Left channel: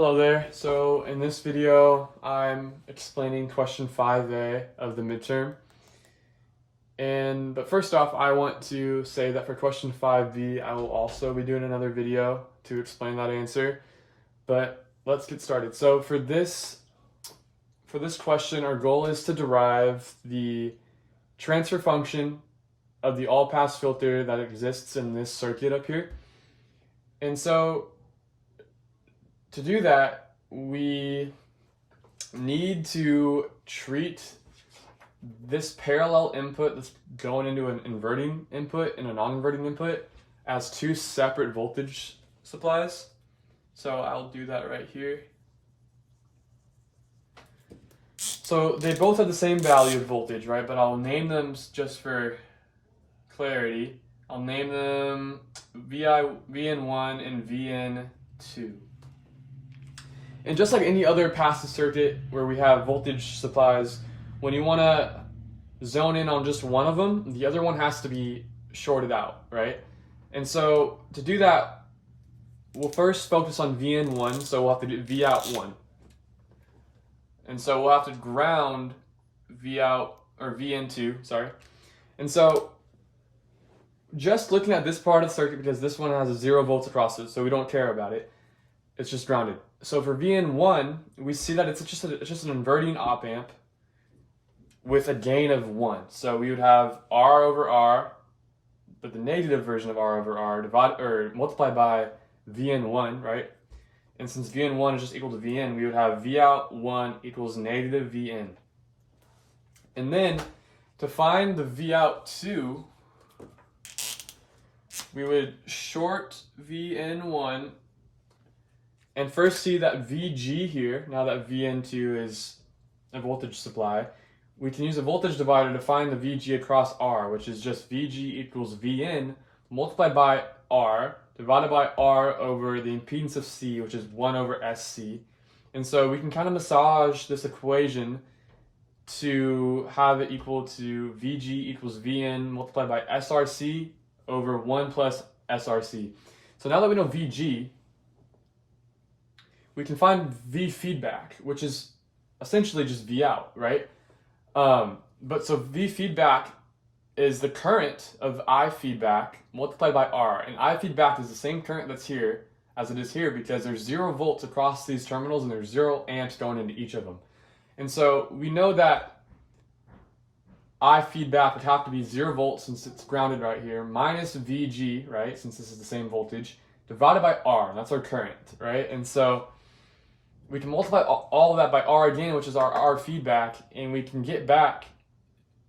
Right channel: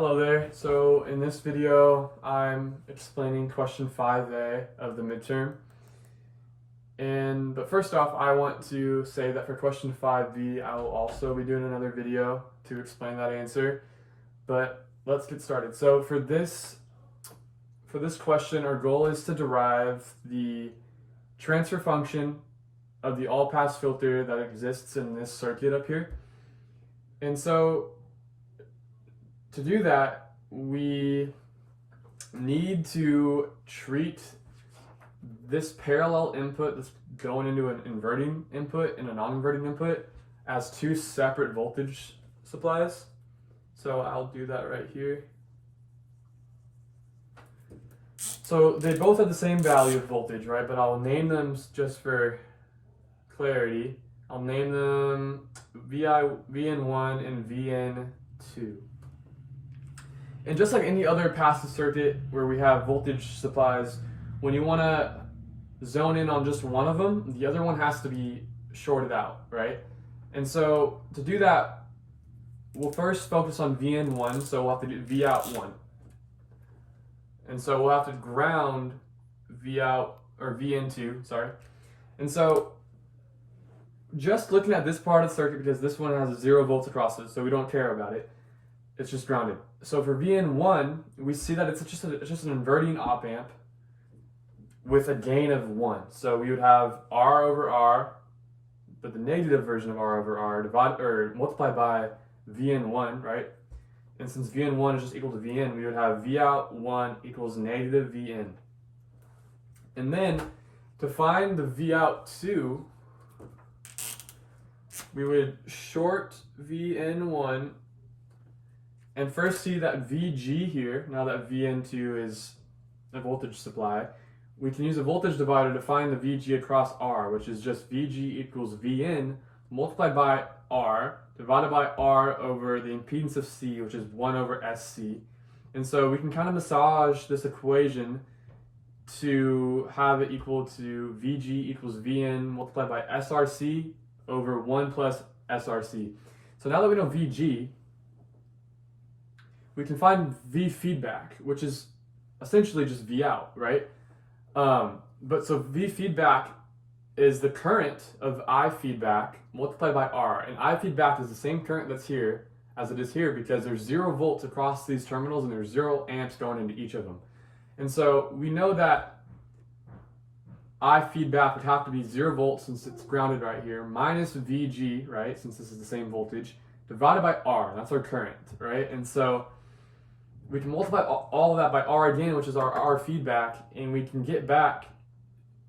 Hello there. So in this video, I'm explaining question 5A of the midterm. But first off, I want to say that for question 5B, I will also be doing another video to explain that answer. But let's get started. So for this question, our goal is to derive the transfer function of the all-pass filter that exists in this circuit up here. And so to do that, we need to treat this parallel input that's going into an inverting input and a non-inverting input as two separate voltage supplies. So I'll do that right here. So they both have the same value of voltage, right? But I'll name them just for clarity. I'll name them VN1 and VN2. And just like any other passive circuit where we have voltage supplies, when you want to zone in on just one of them, the other one has to be shorted out, right? And so to do that, we'll first focus on VN1, so we'll have to do Vout1. And so we'll have to ground Vout, or VN2, sorry. And so just looking at this part of the circuit, because this one has 0 volts across it, so we don't care about it. It's just grounded. So for VN1, we see that it's just an inverting op amp with a gain of 1. So we would have R over R, but the negative version of R over R multiplied by VN1, right? And since VN1 is just equal to VN, we would have Vout1 equals negative VN. And then to find the Vout2, we would short VN1 and first see that VG here, now that VN2 is a voltage supply, we can use a voltage divider to find the VG across R, which is just VG equals VN multiplied by R divided by R over the impedance of C, which is 1 over SC. And so we can kind of massage this equation to have it equal to VG equals VN multiplied by SRC over 1 plus SRC. So now that we know VG, we can find V feedback, which is essentially just V out, right? But so V feedback is the current of I feedback multiplied by R. And I feedback is the same current that's here as it is here because there's 0 volts across these terminals and there's 0 amps going into each of them. And so we know that I feedback would have to be 0 volts since it's grounded right here, minus VG, right, since this is the same voltage, divided by R. That's our current, right? And so we can multiply all of that by R again, which is our R feedback, and we can get back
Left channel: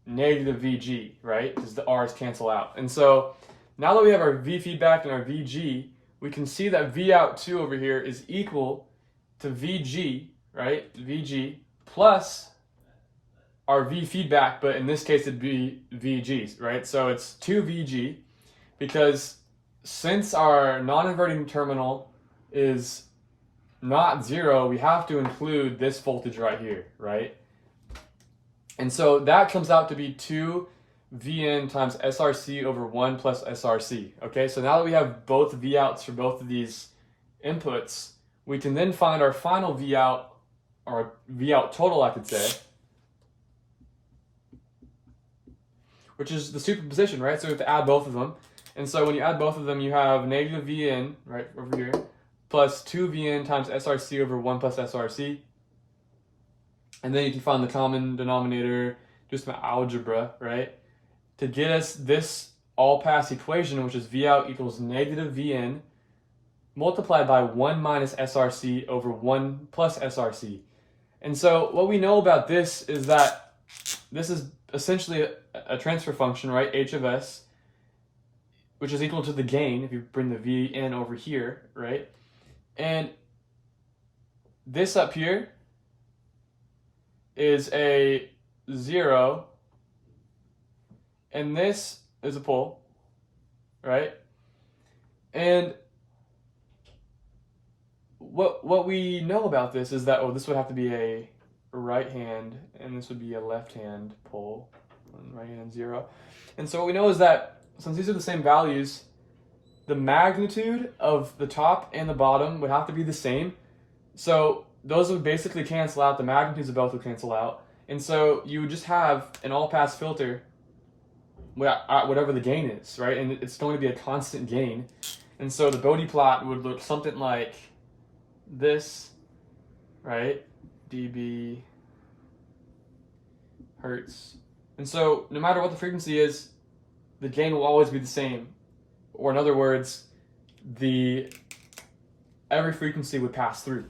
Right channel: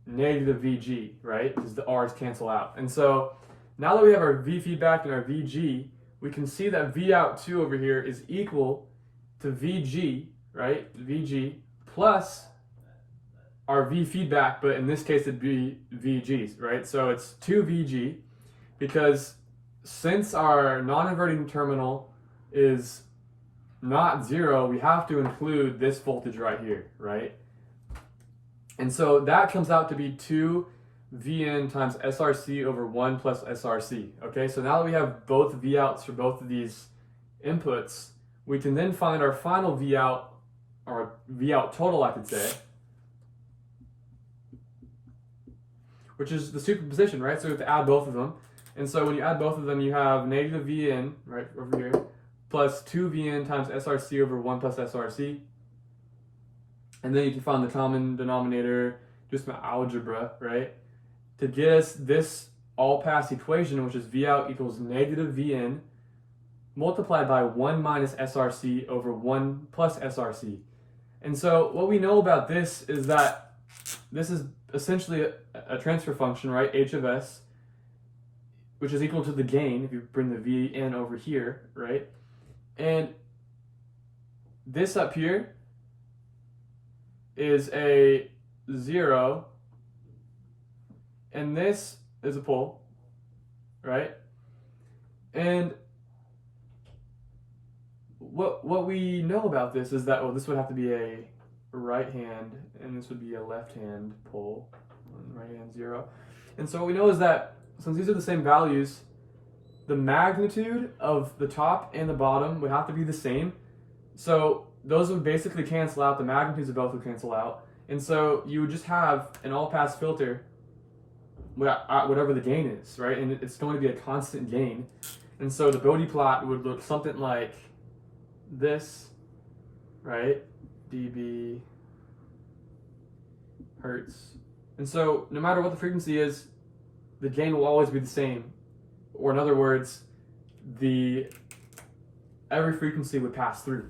negative VG, right? Because the R's cancel out. And so now that we have our V feedback and our VG, we can see that Vout2 over here is equal to VG, right? VG plus our V feedback, but in this case it'd be VGs, right? So it's 2 VG because since our non-inverting terminal is not 0, we have to include this voltage right here, right? And so that comes out to be 2 VN times SRC over 1 plus SRC. Okay, so now that we have both Vouts for both of these inputs, we can then find our final Vout, or Vout total, I could say, which is the superposition, right? So we have to add both of them. And so when you add both of them, you have negative VN, right, over here, plus 2 VN times SRC over 1 plus SRC. And then you can find the common denominator, just my algebra, right? To get us this all-pass equation, which is Vout equals negative VN multiplied by 1 minus SRC over 1 plus SRC. And so what we know about this is that this is essentially a transfer function, right? H of S, which is equal to the gain if you bring the VN over here, right? And this up here is a 0, and this is a pole, right? And what we know about this is that, this would have to be a right hand, and this would be a left hand pole, right hand 0. And so what we know is that since these are the same values, the magnitude of the top and the bottom would have to be the same. So those would basically cancel out. The magnitudes of both would cancel out. And so you would just have an all-pass filter, whatever the gain is, right? And it's going to be a constant gain. And so the Bode plot would look something like this, right? dB hertz. And so no matter what the frequency is, the gain will always be the same. Or in other words, every frequency would pass through.